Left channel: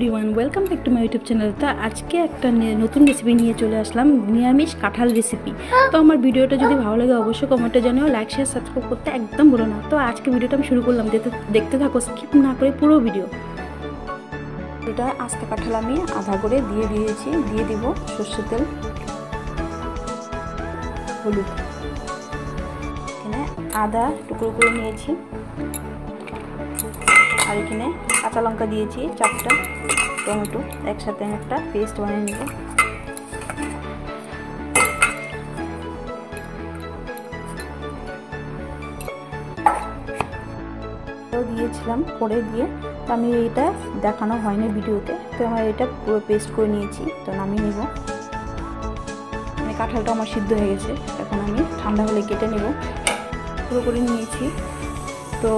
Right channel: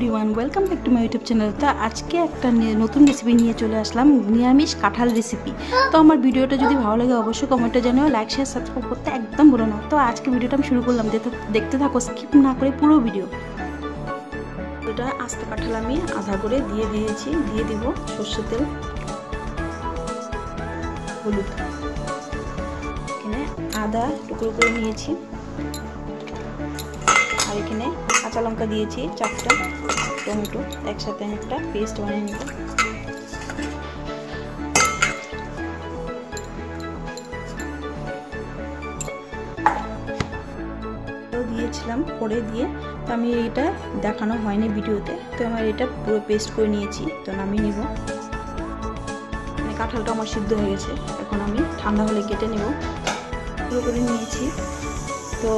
Everyone, welcome back to my YouTube channel. তো আজকে একটা নতুন রেসিপি নিয়ে চলে আসলাম, নিরামিষ কাঁঠাল রেসিপি। তো আমার ভিডিওটা যদি ভালো লাগে অবশ্যই কমেন্টে জানিও, লাইক শেয়ার সাবস্ক্রাইব করতে একদম ভুলো না। তো আজকে ভিডিওটা আমি শুরু করলাম, দেখতে থাকো, স্কিপ না করে পুরো ভিডিও। এটা আস্ত কাঁঠাল আমি আধা করে দিয়ে দিয়েছি। দিয়ে দিব সর্ষের তেল, হলুদ, এখানে আদা টুকরো করে নিয়েছি, আর এখানে কাঁচা লঙ্কা দিয়েছি 4টা, টমেটো একসাথে আমি একটা পেস্ট বানিয়ে নেব। দিয়েছিলাম করে দিয়ে, তো আমি এটা দেখানো হয়নি ভিডিওতে, তো আমার এটা পুরো পেস্ট করে নিয়েছি। তো নামিয়ে নেব। কাঁঠালটা আমার সিদ্ধ হয়ে গেছে, এখন আমি ঠান্ডা হলে কেটে নেব। পুরো করে নিয়েছি। তো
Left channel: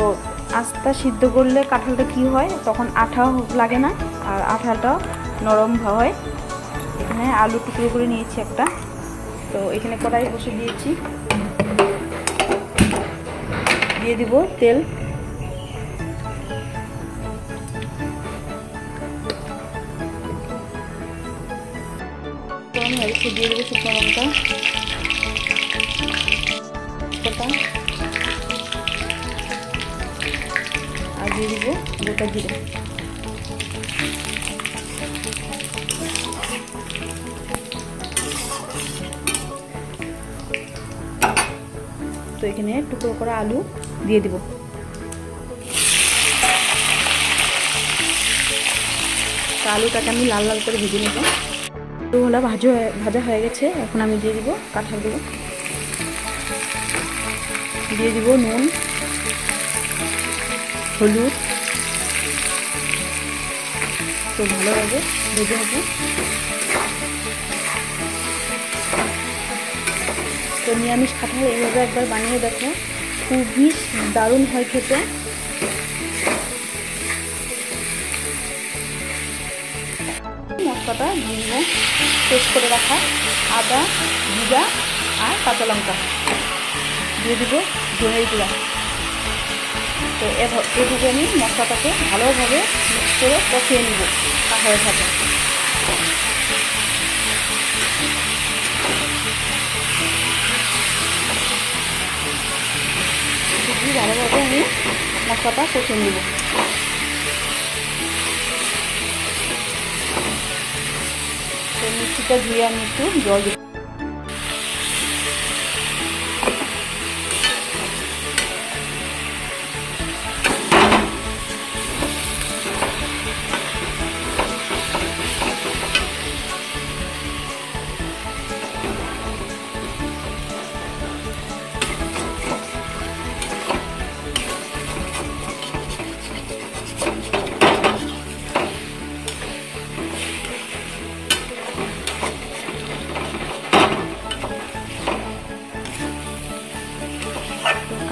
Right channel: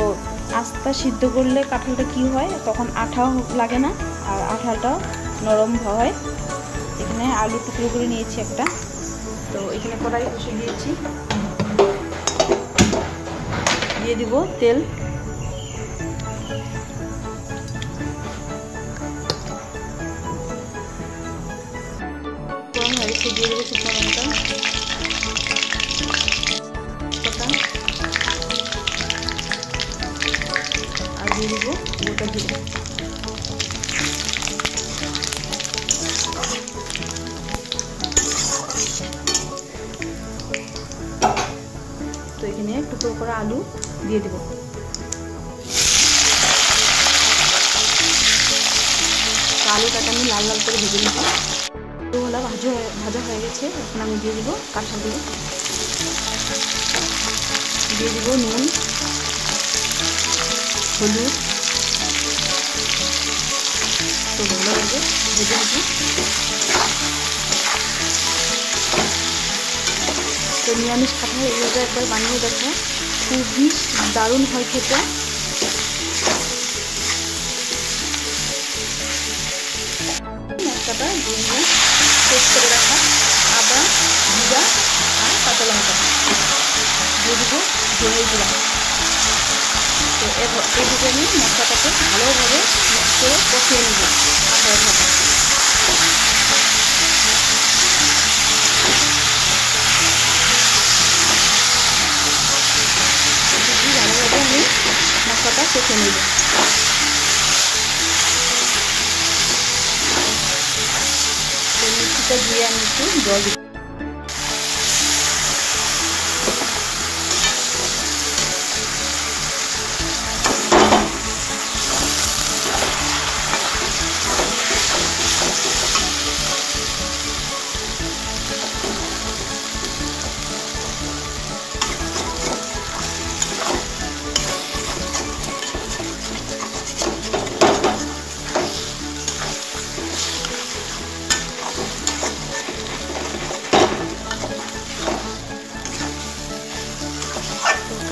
আস্তা সিদ্ধ করলে কাঁঠালটা কি হয়, তখন আঠা লাগে না, আর আঠাটা নরম হয়। এখানে আলু টুকরো করে নিয়েছি একটা। তো এখানে কড়াই বসে দিয়েছি, দিয়ে দিব তেল। গরম হয়ে গেছে, দিয়ে দেবো শুকনো লঙ্কা, আর দিয়ে দিব গোটা জিরে। তো এখানে টুকরো করা আলু দিয়ে দিব। আলুটাকে আমি লাল লাল করে ভেজে নেব। আলুগুলো ভাজা হয়ে গেছে, এখন আমি দিয়ে দিব কাঁঠাল দিয়ে দিব নুন, হলুদ। তো ভালোভাবে ভেজে নেব। তো নিরামিষ কাঁঠাল এইভাবে একবার বানিয়ে দেখো, খুবই দারুণ হয় খেতে। মশলাটা দিয়ে দিব পেস্ট করে রাখা আদা, জিরা আর কাঁচা লঙ্কা, দিয়ে দিব ধনের গুঁড়া। তো এদিকে আমি মশলাটাকে ভালোভাবে মিক্স করে কষিয়ে নেব কাঁঠালের সাথে। ভালোভাবে আমি মশলাটা কষে নেব। তো মিষ্টিটা দিয়ে আমি একটু জল দিব।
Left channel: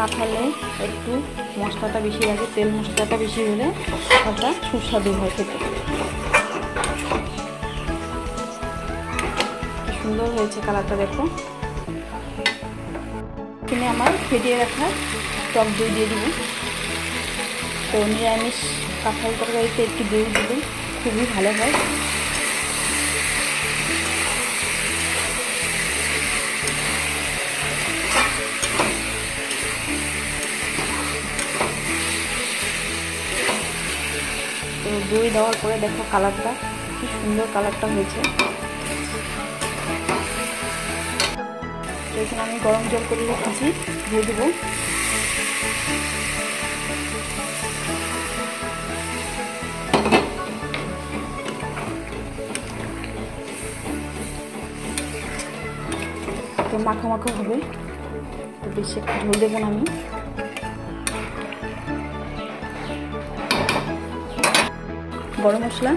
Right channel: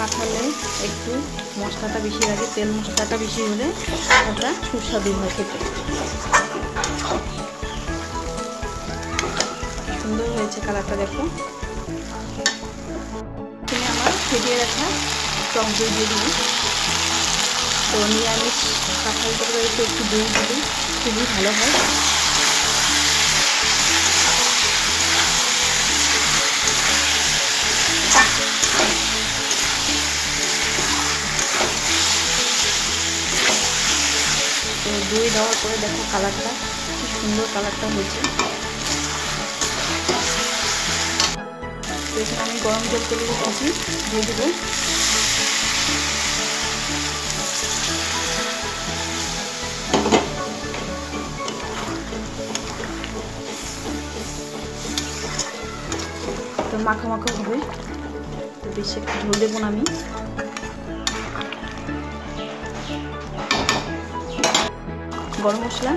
কাঁঠালে একটু মশলাটা বেশি লাগে, তেল মশলাটা বেশি হলে কাঁঠালটা সুস্বাদু হয় খেতে। কি সুন্দর হয়েছে কালারটা দেখো। এখানে আমার ফেটিয়ে রাখা টক দই দিয়ে দিব। তো নিরামিষ কাঁঠাল তরকারিতে একটু দই দিলে খুবই ভালো হয়। তো দই দেওয়ার পরে দেখো কালারটা কি সুন্দর কালারটা হয়েছে। তো এখানে আমি গরম জল করে রেখেছি, দিয়ে দেবো। তো মাখা মাখা হবে, তো বেশি একটু ঝোল দেবো না আমি। গরম মশলা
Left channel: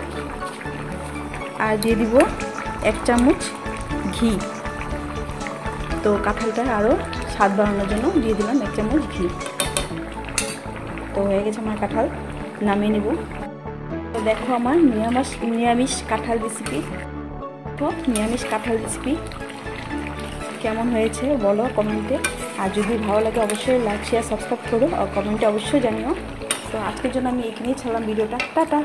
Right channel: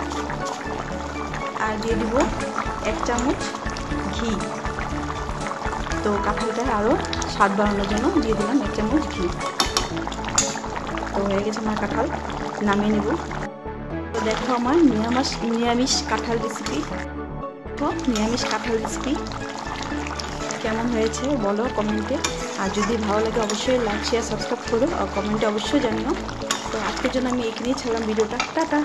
আর দিয়ে দিব 1 চামচ ঘি। তো কাঁঠালটা আরও স্বাদ বাড়ানোর জন্য দিয়ে দিলাম 1 চামচ ঘি। তো হয়ে গেছে আমার কাঁঠাল, নামিয়ে নেব। তো দেখো আমার নিরামিষ কাঁঠাল রেসিপি। তো নিরামিষ কাঁঠাল রেসিপি কেমন হয়েছে বলো কমেন্টে। আর যদি ভালো লাগে অবশ্যই লাইক শেয়ার সাবস্ক্রাইব করো, আর কমেন্টে অবশ্যই জানিও। তো আজকের জন্য আমি এখানেই ছাড়লাম ভিডিওটা। টাটা।